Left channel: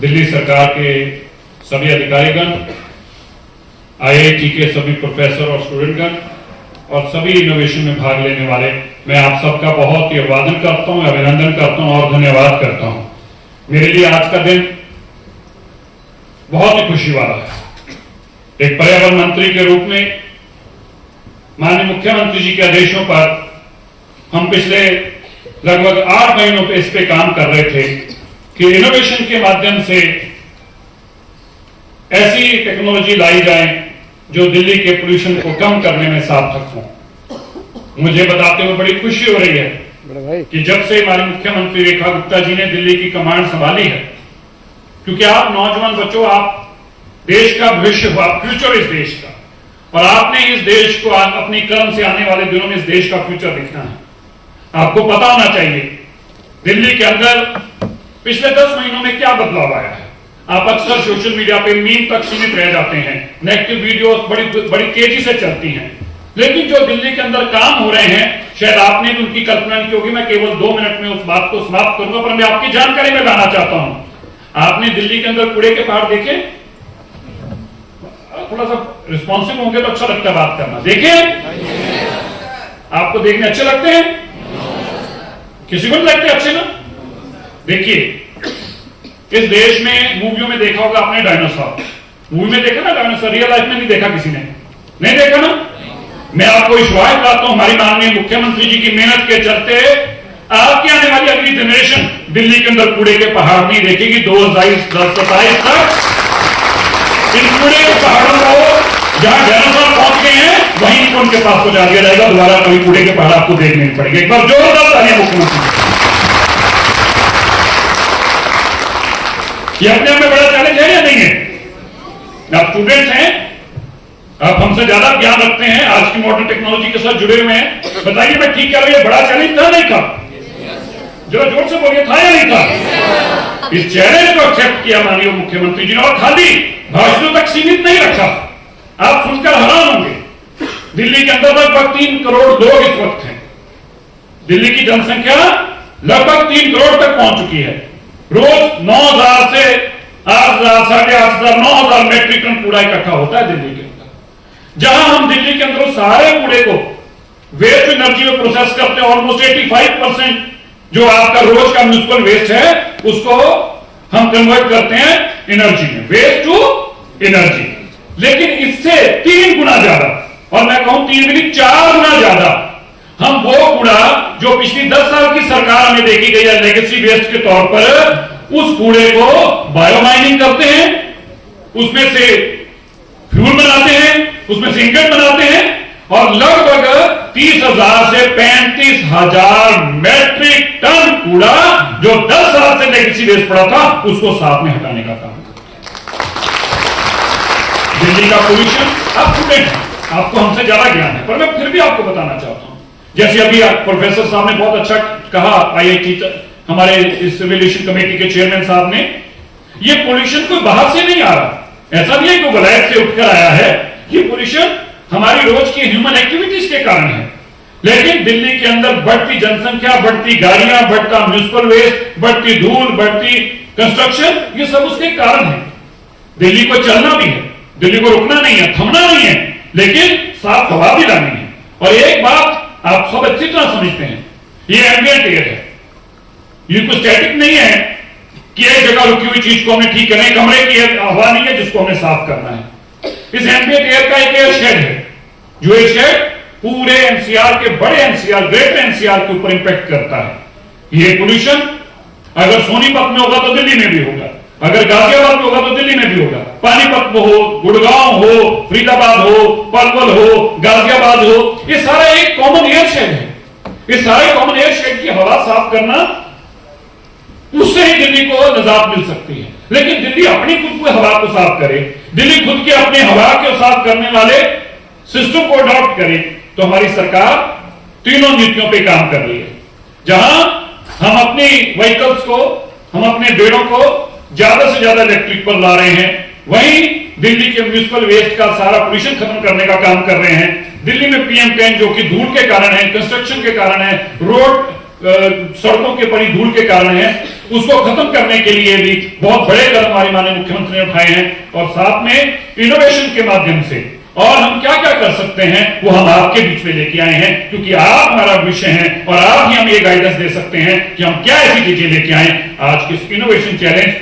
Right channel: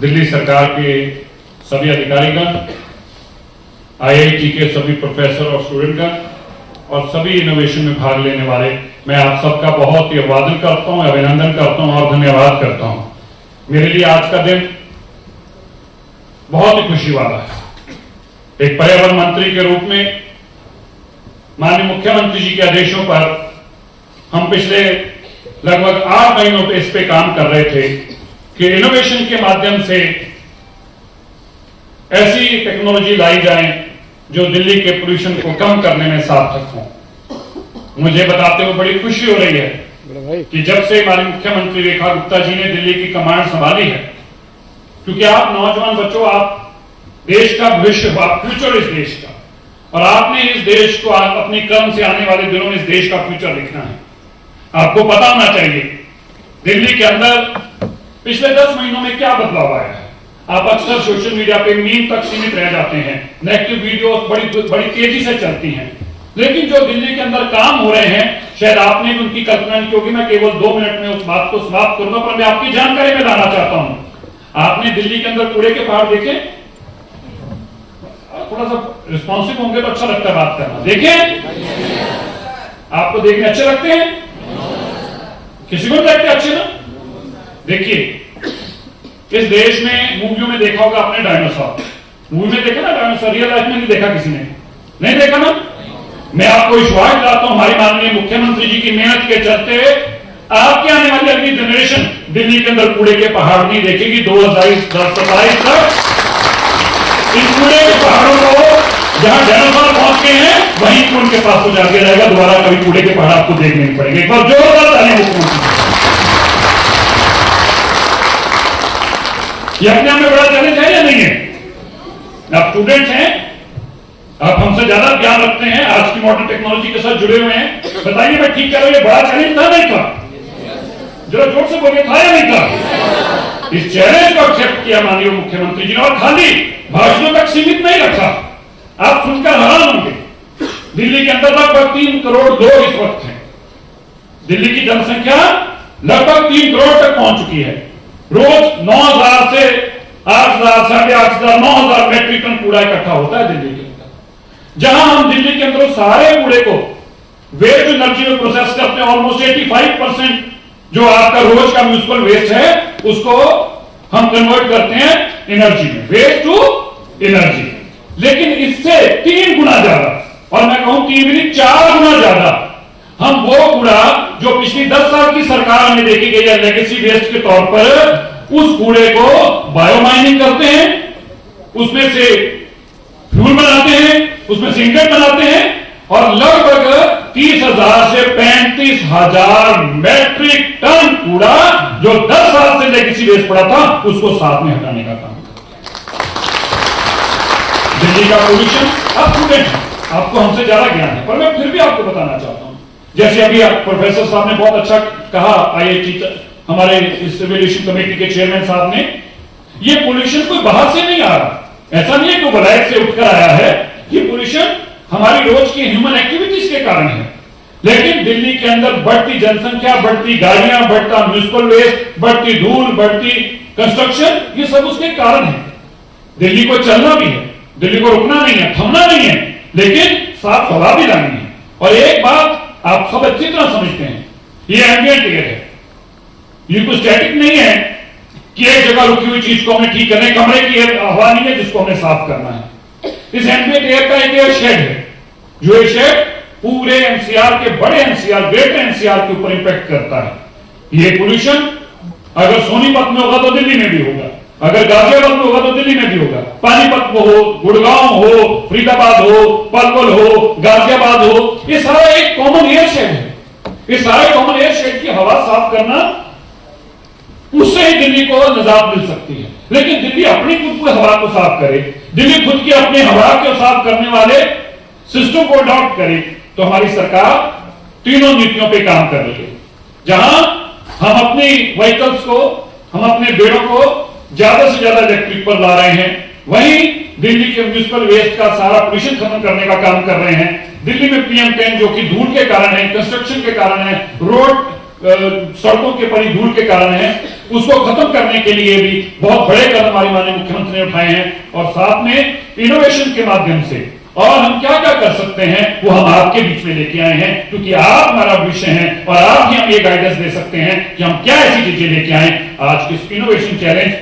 दिल्ली सरकार के सभी अधिकारीगण, आईआईटी के सभी प्रोफेसर और स्टूडेंटगण और सभी इनोवेशन में भाग लेने वाले, मैं आप सबका बहुत ही अभिवादन करता हूं, अभिनंदन करता हूं और धन्यवाद करता हूं। मेरे लिए आज का दिन बहुत ही खुशी वाला है। एक पर्यावरण मंत्री के रूप में माननीय मुख्यमंत्री जी के आदेशों पर हम पिछले लगभग 8 महीनों से इस पे काम कर रहे थे कि इनोवेशन के माध्यम से ऐसी टेक्नोलॉजी लाई जाए जो दिल्ली के पोल्यूशन को कम करने में सार्थक हो। मुझे बताते हुए बड़ी खुशी हो रही है कि जब से हमारे मुख्यमंत्री रेखा गुप्ता जी ने दिल्ली की कमांड संभाली है, क्योंकि आप नौजवान बच्चों, आप देश का भविष्य हो, आप फ्यूचर इस देश का, और आपने इस देश को अपनी कर्म से आने वाले दिनों में इस देश का फ्यूचर देखना है। आपको पता होना चाहिए दिल्ली के अंदर पिछले 10 महीनों में क्या बदलाव आया है। आप अक्सर सोशल मीडिया पे मीम तक सीमित रह जाते हैं, नेगेटिव वीडियोस बड़ी तेजी से चलती हैं, लेकिन जो दिल्ली के अंदर काम हो रहे हैं शायद आपने भी उनकी कल्पना नहीं, क्योंकि मैं केवल 2 मिनट में उस बात को समाप्त करूंगा, पर मैं आपकी जानकारी में लाना चाहता हूं। आपने दिल्ली के अंदर कूड़े के पहाड़ देखे? थोड़ा सा रिस्पॉन्सिव होंगे तो अच्छा लगता है बात करना। देखे? आपको देखने अच्छे लगते हैं? किसी को नहीं लगते अच्छे ना? देखिए, इस देश में मूवियों में देखा होगा आपने डायनासोर, मूवी में देखा ना डायनासोर, रियल लाइफ में नहीं देखा किसी ने? नहीं देखा ना? मैं आपको विश्वास दिलाता हूं, हमारे माननीय मुख्यमंत्री जी की मेहनत के चलते आपके आने वाली अगली जनरेशन दिल्ली के अंदर कूड़े के पहाड़ नहीं देखेगी। 2027 तक इन कूड़े के पहाड़ों को जहां डायनासोर पहुंच गए हैं वहीं उनके पास तो जाके रहेगा, दोबारा कभी कूड़े के पहाड़ आपको देखने नहीं पड़ेंगे। एक बार जोरदार तालियां मुख्यमंत्री। ये अपने आप में बड़ा चैलेंज है या नहीं है? आप स्टूडेंट्स हैं, आप हमसे ज्यादा ज्ञान रखते हैं, आज की मॉडर्न टेक्नोलॉजी के साथ जुड़े हुए हैं, बताइए मैं ठीक कर रही हूं? बड़ा चैलेंज था नहीं था? जरा जोर से बोलिए, था या नहीं था? इस चैलेंज को एक्सेप्ट किया माननीय मुख्यमंत्री जी ने, और खाली भाषणों तक सीमित नहीं रखा। आप सुनकर हैरान होंगे, दिल्ली के अंदर लगभग 3 करोड़ लोग इस वक्त हैं। दिल्ली की जनसंख्या लगभग 3 करोड़ तक पहुंच चुकी है। रोज 9,000 से 8,000, 8,500, 9,000 मैट्रिक टन कूड़ा इकट्ठा होता है दिल्ली के अंदर। जहां हम दिल्ली के अंदर सारे कूड़े को वेस्ट एनर्जी में प्रोसेस करते हैं, ऑलमोस्ट 85% जो आपका रोज का म्यूनिसिपल वेस्ट है उसको हम कन्वर्ट करते हैं एनर्जी में, वेस्ट टू एनर्जी। लेकिन इससे 3 गुना ज्यादा, और मैं कहूं 3 भी नहीं 4 गुना ज्यादा, हम वो कूड़ा जो पिछली 10 साल की सरकार में देखी गई है लेगेसी वेस्ट के तौर पर, उस कूड़े को बायोमाइनिंग करते हैं, उसमें से फ्यूल बनाते हैं, उसमें से इंगट बनाते हैं, और लगभग 30,000 से 35,000 मैट्रिक टन कूड़ा जो 10 साल से लेगेसी वेस्ट पड़ा था उसको साथ में हटाने का काम। दिल्ली का पोल्यूशन, आप स्टूडेंट हैं, आपको हमसे ज्यादा ज्ञान है, पर मैं फिर भी आपको बताना चाहता हूं, जैसे अभी प्रोफेसर साहब ने बहुत अच्छा कहा, आईआईटी हमारे इस एवोल्यूशन कमेटी के चेयरमैन साहब ने, ये पोल्यूशन कोई बाहर से नहीं आ रहा, ऐसा नहीं है कि वलायत से उठकर आया है। ये पोल्यूशन हमारी रोज की ह्यूमन एक्टिविटीज के कारण है। लेकिन दिल्ली के अंदर बढ़ती जनसंख्या, बढ़ती गाड़ियां, बढ़ता म्यूनिसिपल वेस्ट, बढ़ती धूल, बढ़ती कंस्ट्रक्शन, ये सब उसके कारण है। दिल्ली को चलना भी है, दिल्ली को रुकना नहीं है, थमना नहीं है, लेकिन साफ हवा भी लानी है। और एक बात आप सब अच्छी तरह समझते हैं, ये एम्बिएंट एयर है, ये कोई स्टैटिक नहीं है कि एक जगह रुकी हुई चीज को हमें ठीक करने, कमरे की हवा नहीं है जिसको हमें साफ करना है। इस एम्बिएंट एयर का एक एयर शेड है, जो एयर शेड पूरे एनसीआर के, बड़े एनसीआर, ग्रेटर एनसीआर के ऊपर इंपैक्ट करता है। ये पोल्यूशन अगर सोनीपत में होगा तो दिल्ली में भी होगा, अगर गाजियाबाद में होगा तो दिल्ली में भी होगा, पानीपत में हो, गुड़गांव हो, फरीदाबाद हो, पलवल हो, गाजियाबाद हो, ये सारा एक कॉमन एयर शेड है। ये सारे कॉमन एयर शेड की हवा साफ करना, उससे ही दिल्ली को निजात मिल सकती है। लेकिन दिल्ली अपनी खुद की हवा को साफ करे, दिल्ली खुद के अपने हवा को साफ करने वाले सिस्टम को अडॉप्ट करे, तो हमारी सरकार तीनों नीतियों पे काम कर रही है। जहां हम अपनी व्हीकल्स को, हम अपने बेड़ों को ज्यादा से ज्यादा इलेक्ट्रिक पर ला रहे हैं, वहीं दिल्ली के म्यूनिसिपल वेस्ट का सारा पोल्यूशन खत्म करने का काम कर रहे हैं। दिल्ली में PM10 जो कि धूल के कारण है, कंस्ट्रक्शन के कारण है, रोड सड़कों के परी धूल के कारण है, उसको खत्म करने के लिए भी बहुत बड़े कदम हमारे माननीय मुख्यमंत्री ने उठाए हैं और साथ में इनोवेशन के माध्यम से और हम क्या क्या कर सकते हैं वो हम आपके बीच में लेके आए हैं, क्योंकि आप हमारा विषय हैं और आप ही हम ये गाइडेंस दे सकते हैं कि हम क्या ऐसी चीजें लेके आए। आज के इनोवेशन चैलेंज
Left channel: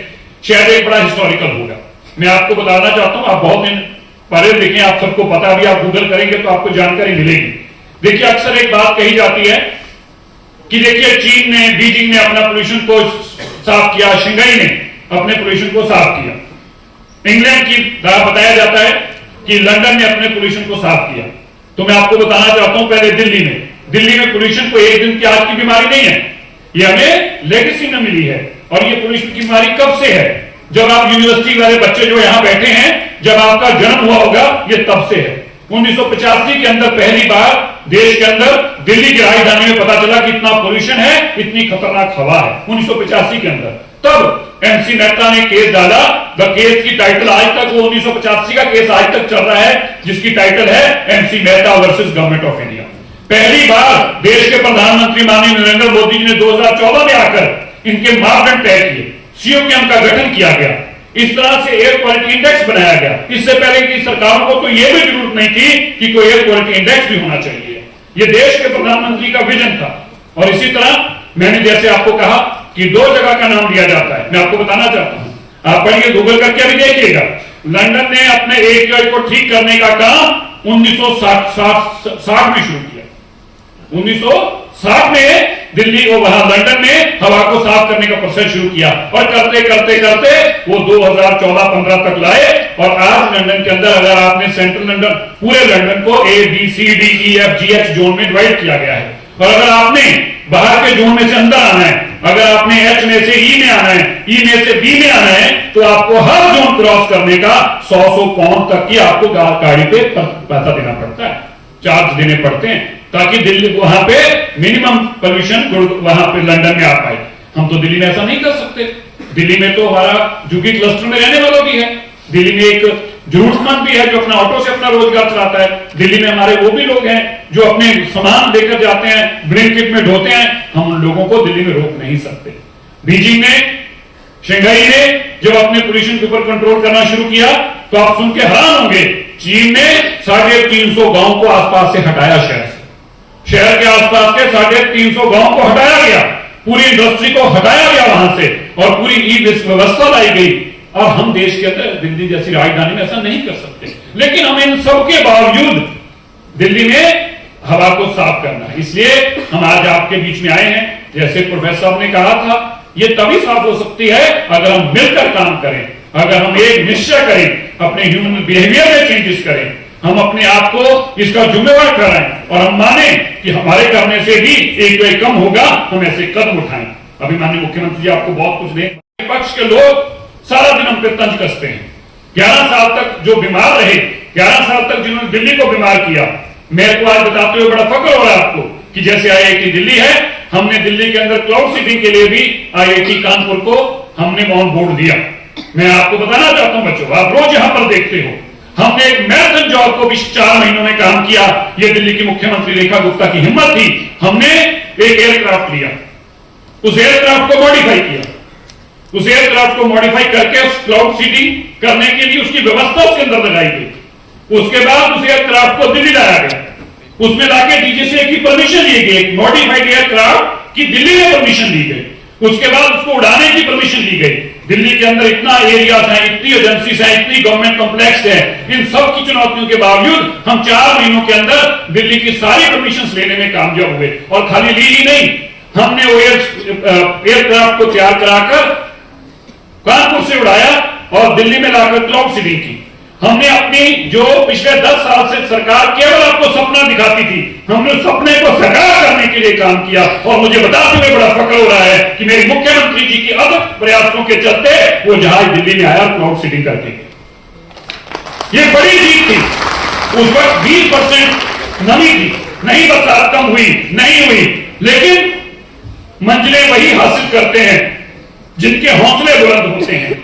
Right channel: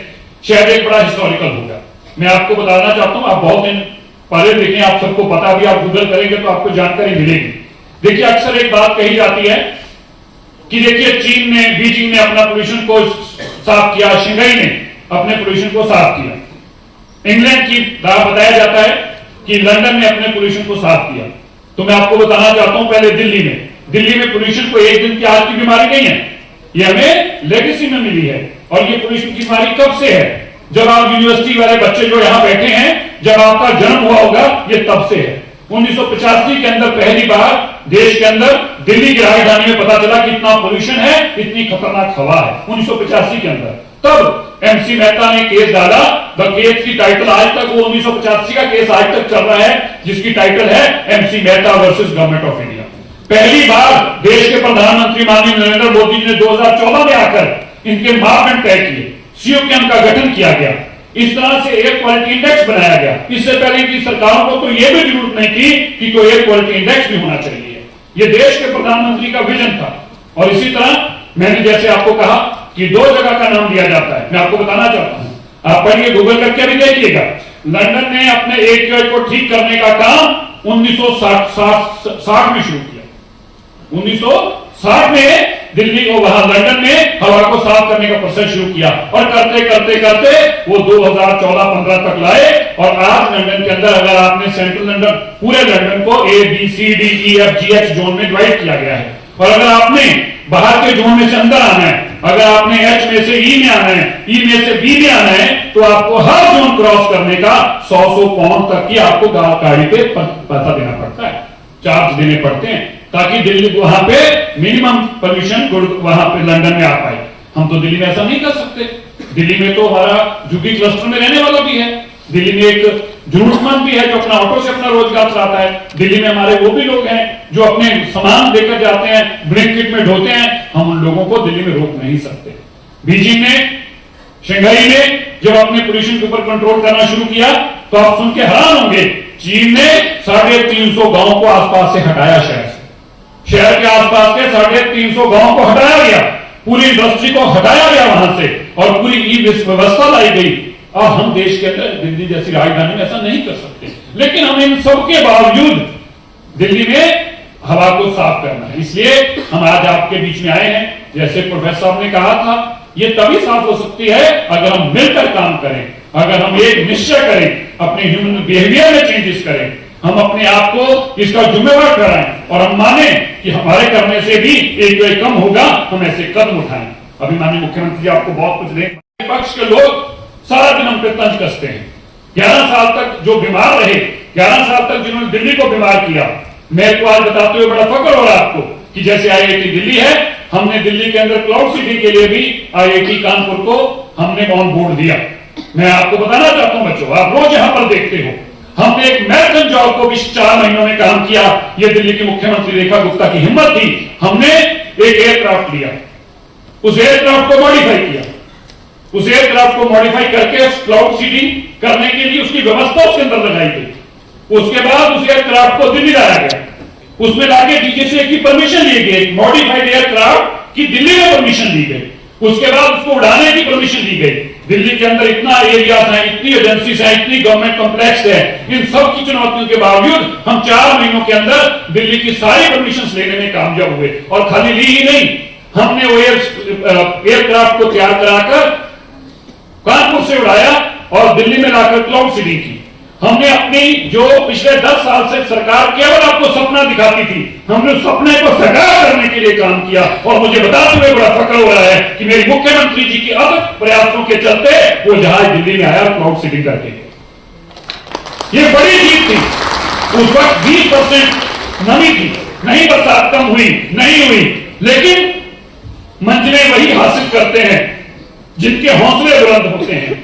शायद एक बड़ा हिस्टोरिकल होगा। मैं आपको बताना चाहता हूं, आप बहुत दिन पढ़े लिखे, आप सबको पता भी, आप गूगल करेंगे तो आपको जानकारी मिलेगी। देखिए अक्सर एक बात कही जाती है कि देखिए चीन ने, बीजिंग ने अपना पोल्यूशन को साफ किया, शंघाई ने अपने पोल्यूशन को साफ किया, इंग्लैंड की बताया जाता है कि लंदन ने अपने पोल्यूशन को साफ किया। तो मैं आपको बताना चाहता हूं पहले दिल्ली में पोल्यूशन को एक दिन की आज की बीमारी नहीं है, ये हमें लेगेसी में मिली है। और ये पोल्यूशन की बीमारी कब से है? जब आप यूनिवर्सिटी वाले बच्चे जो यहां बैठे हैं, जब आपका जन्म हुआ होगा, ये तब से है। 1985 के अंदर पहली बार देश के अंदर दिल्ली की राजधानी में पता चला कि इतना पोल्यूशन है, इतनी खतरनाक हवा है। 1985 के अंदर तब एमसी मेहता ने केस डाला। द केस की टाइटल आज तक, वो 1985 का केस आज तक चल रहा है, जिसकी टाइटल है MC Mehta versus government of India. पहली बार देश के प्रधानमंत्री माननीय नरेंद्र मोदी जी ने 2014 में आकर इनके मापदंड तय किए, सीओकेम का गठन किया गया, इस तरह से एयर क्वालिटी इंडेक्स बनाया गया। इससे पहले की सरकारों को तो यह भी जरूरत नहीं थी कि कोई एयर क्वालिटी इंडेक्स भी होना चाहिए। यह देश के प्रधानमंत्री का विजन था। और इसी तरह मैंने जैसे आपको कहा कि दो जगह का नाम लिया जाता है, मैं आपको बताना चाहता हूं, आप पढ़िए, गूगल करके भी देखिएगा। लंदन ने अपने एयर को ठीक करने का काम 1960 में शुरू किया। 1960 में दिल्ली को, वहां लंदन में हवा को साफ करने का प्रोसेस शुरू किया और करते करते करते वो 2014-15 तक लाए। और आज लंदन के अंदर अगर आपने सेंट्रल लंदन, पूरे लंदन को A B C D E F G H zone में डिवाइड किया गया है। और अगर आपने बाहर के जोन में से अंदर आना है, अगर आपने H में से E में आना है, E में से B में आना है, तो आपको हर जोन क्रॉस करने का 100 पाउंड तक की आपको गाड़ी पे पैसा देना पड़ता है, चार्ज देने पड़ते हैं, ताकि दिल्ली वहां पे मिनिमम पोल्यूशन वहां पे लंदन में आ पाए। हम तो दिल्ली में ऐसा नहीं कर सकते। दिल्ली में तो हमारा जुगी क्लस्टर में रहने वाला भी है, दिल्ली में एक जरूरतमंद भी है जो अपना ऑटो से अपना रोजगार चलाता है, दिल्ली में हमारे वो भी लोग हैं जो अपने सामान लेकर जाते हैं, ब्लिंकिट में ढोते हैं। हम उन लोगों को दिल्ली में रोक नहीं सकते। बीजिंग ने, शंघाई ने जब अपने पोल्यूशन के ऊपर कंट्रोल करना शुरू किया तो आप सुन के हैरान होंगे, चीन ने 350 गांव को आसपास से हटाया, शहर के आसपास के 350 गांव को हटाया गया, पूरी इंडस्ट्री को हटाया गया वहां से और पूरी ई व्यवस्था लाई गई। और हम देश के अंदर दिल्ली जैसी राजधानी में ऐसा नहीं कर सकते। लेकिन हम इन सबके बावजूद दिल्ली में हवा को साफ करना है, इसलिए हम आज आपके बीच में आए हैं। जैसे प्रोफेसर साहब ने कहा था, ये तभी साफ हो सकती है अगर हम मिलकर काम करें, अगर हम एक निश्चय करें, अपने ह्यूमन बिहेवियर में चेंजेस करें, हम अपने आप को इसका जिम्मेवार कराएं और हम माने कि हमारे करने से भी एक कम होगा, हम ऐसे कदम उठाएं। अभी माननीय मुख्यमंत्री जी आपको बहुत कुछ दें, विपक्ष के लोग सारा दिन हम पे तंज कसते हैं। 11 साल तक जो बीमार रहे, 11 साल तक जिन्होंने दिल्ली को बीमार किया, मेरे को आज बताते हुए बड़ा फक्र हो रहा है आपको कि जैसे IIT दिल्ली है, हमने दिल्ली के अंदर क्लाउड सिटी के लिए भी IIT कानपुर को हमने ऑन बोर्ड दिया। मैं आपको बताना चाहता हूं बच्चों, आप रोज यहां पर देखते हो, हमने एक मैराथन जॉब को भी 4 महीनों में काम किया। यह दिल्ली की मुख्यमंत्री रेखा गुप्ता की हिम्मत थी। हमने एक एयरक्राफ्ट लिया, उस एयरक्राफ्ट को मॉडिफाई किया, उस एयरक्राफ्ट को मॉडिफाई करके उस क्लाउड सिटी करने के लिए उसकी व्यवस्था उसके अंदर लगाई गई। उसके बाद उस एयरक्राफ्ट को दिल्ली लाया गया, उसमें लाके DGCA की परमिशन ली गई, एक मॉडिफाइड एयरक्राफ्ट की दिल्ली में परमिशन ली गई। उसके बाद उसको उड़ाने की परमिशन ली गई। दिल्ली के अंदर इतना एरिया है, इतनी एजेंसीज है, इतनी गवर्नमेंट कॉम्प्लेक्स है, इन सब की चुनौतियों के बावजूद हम 4 महीनों के अंदर दिल्ली की सारी परमिशन लेने में कामयाब हुए। और खाली ली ही नहीं, हमने वो एयरक्राफ्ट को तैयार कराकर कानपुर से उड़ाया और दिल्ली में लाकर क्लाउड सीडिंग की। हमने अपनी जो पिछले 10 साल से सरकार केवल आपको सपना दिखाती थी, हमने उस सपने को साकार करने के लिए काम किया। और मुझे बताते हुए बड़ा फक्र हो रहा है कि मेरे मुख्यमंत्री जी की अथक प्रयासों के चलते वो जहाज दिल्ली में आया क्लाउड सीडिंग करके। ये बड़ी जीत थी। उस वक्त 20% नमी थी, नहीं बरसात कम हुई, नहीं हुई, लेकिन मंजिलें वही हासिल करते हैं जिनके हौसले बुलंद होते हैं।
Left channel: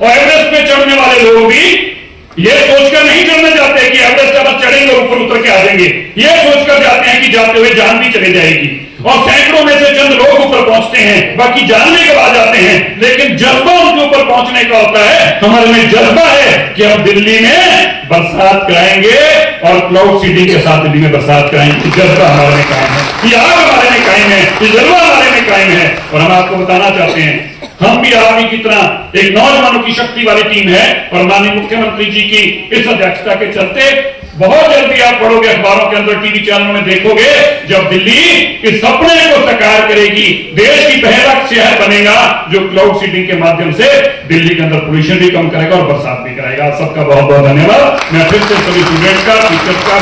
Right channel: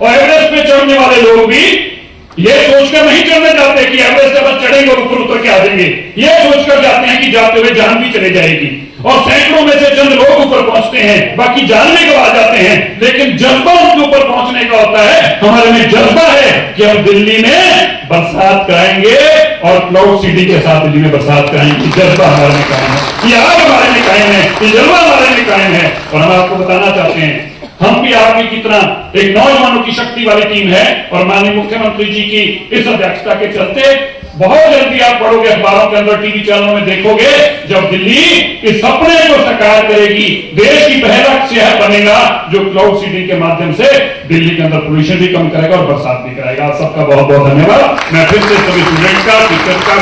और एवरेस्ट पे चढ़ने वाले लोग भी ये सोचकर नहीं चढ़ने जाते कि एवरेस्ट पर चढ़ेंगे और ऊपर उतर के आ जाएंगे, ये सोचकर जाते हैं कि जाते हुए जान भी चले जाएगी। और सैकड़ों में से चंद लोग ऊपर पहुंचते हैं, बाकी जानने के बाद जाते हैं, लेकिन जज्बा उनके ऊपर पहुंचने का होता है। हमारे में जज्बा है कि हम दिल्ली में बरसात कराएंगे और क्लाउड सिटी के साथ दिल्ली में बरसात कराएंगे। जज्बा हमारे में कायम है, ये आग हमारे में कायम है, ये जज्बा हमारे में कायम है। और हम आपको बताना चाहते हैं, हम भी आर्मी की तरह एक नौजवानों की शक्ति वाली टीम है, और माननीय मुख्यमंत्री जी की इस अध्यक्षता के चलते बहुत जल्दी आप पढ़ोगे अखबारों के अंदर, टीवी चैनलों में देखोगे, जब दिल्ली इस सपने को साकार करेगी, देश की पहला शहर बनेगा जो क्लाउड सिटी के माध्यम से दिल्ली के अंदर पोल्यूशन भी कम करेगा और बरसात भी कराएगा। आप सबका बहुत बहुत धन्यवाद। मैं फिर से सभी स्टूडेंट का, टीचर का,